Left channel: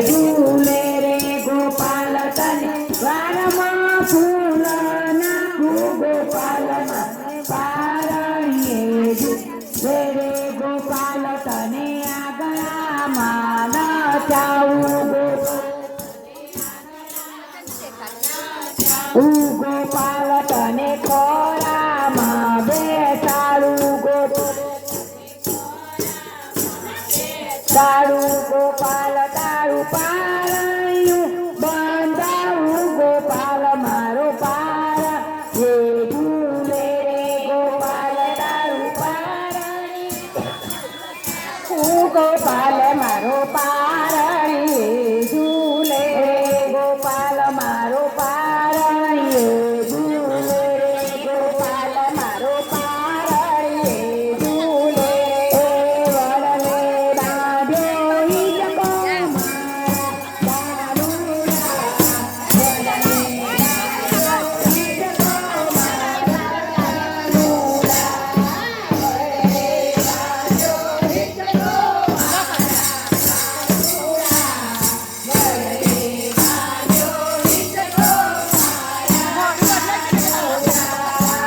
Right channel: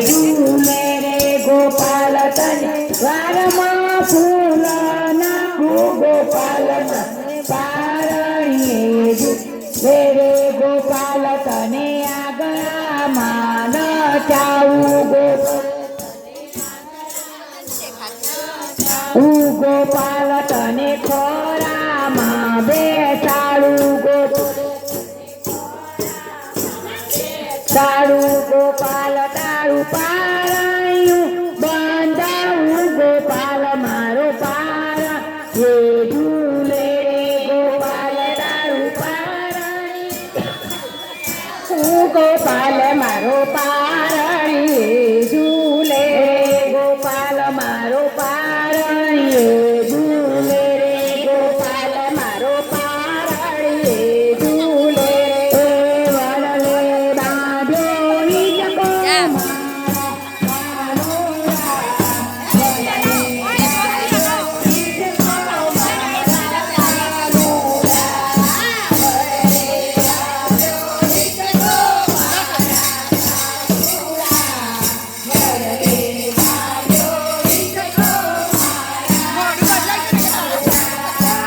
ઝૂલે રે ગોપાલ તને દ્વારમાં ફૂલ નાખું ગોપાલ તને પારણીએ ઝૂલે રે ગોપાલ તને આગળામાં નચાવું ગોપાલ તને ખોરામાં બેસાડું તારું ગોપાલ તારું પાર